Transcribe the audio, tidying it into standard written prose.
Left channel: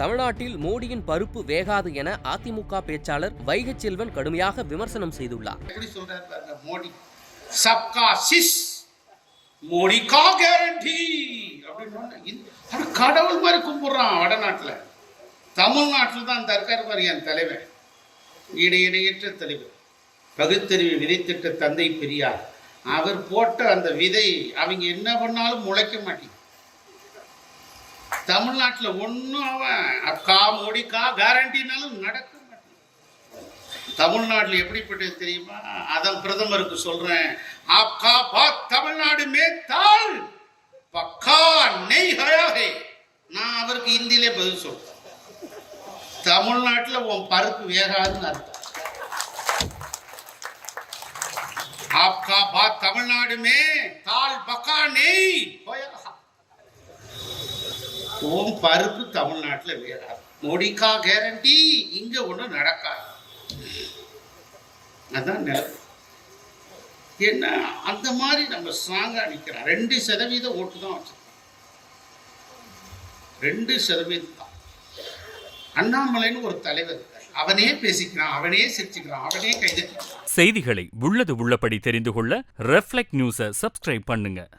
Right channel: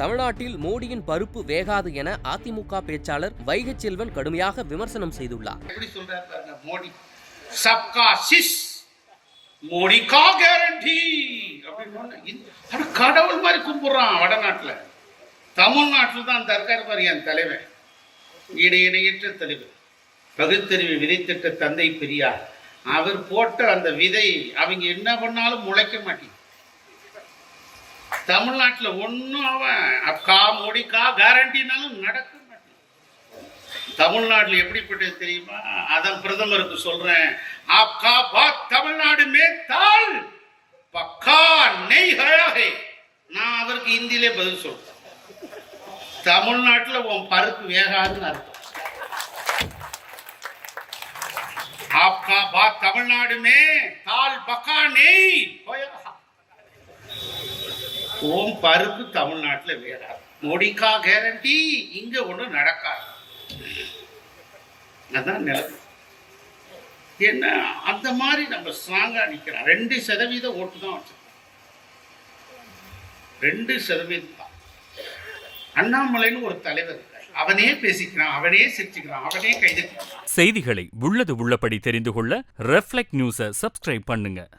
தமிழ்நாட்டில் மோடியின் பருப்பு வேகாது என அதிமுக பேச்சாளர் வைகை செல்வன் கடுமையாக விமர்சனம் செய்துள்ளார். எப்படி சொல்றாரு மோடி, சப்கா சிஸ் மோடி கா கேரண்டி அப்படின்னு கடவுள் மாதிரி கும்பிடுறான். வடநாட்டுல, தமிழ்நாட்டில் தான் தற்கார் மாதிரி என் தலைவன், இணையற்ற தலைவர், பகுத்தறிவு விதைத்திட்ட தந்தை பெரியார். அவர் போட்ட அந்த விதை அவங்க என்ன பண்ணாலும் முளைக்க மாட்டேங்குது. தமிழ்நாட்டில் ஒன்றும் அவன் அக்கா மோடிக்கா கேரண்டினாலும் நடக்க மாட்டேங்குது. தமிழ்நாட்டில் எப்படிப்பட்டது தெரியுமா? அதான் பிரதமருக்கு சொல்றேன், ஆப்கா பாத் தமிழ்நாடு மே தால் பக்கா நெய் ஹயா ஹே. நான் அவருக்கு ஹிந்தியிலே பதில் சொல்றேன், தமிழ்நாட்டில் உன் பருப்பு வேகாதுன்னு அர்த்தம். आपका बात तमिलनाडु में ताल पका नहीं होया. ஓம் பருப்பு தமிழ்நாட்டில் வேறாது. மோடிக்கா கேரண்டி இங்க ஒன்றும் நடக்காது. அதான் நிலைமை. என்ன அந்த மாதிரி நம்ம ஸ்ட்ராங்கா நிற்கிறோம். 2% ஓட்டு தான் வச்சிருக்கோம். 2% தான். அண்ணாமலைன்னு ஒரு தலைவர் இருக்கார். அவனே பேசிக்கிறான், அவனே சிரிச்சுக்கிறான், அவனே கைதட்டுறான். செய்திகளை உள்ளது உள்ளபடி தெரிந்து கொள்ள ரெஃப்ளெக்ட் நியூஸை சப்ஸ்கிரைப் பண்ணுங்க.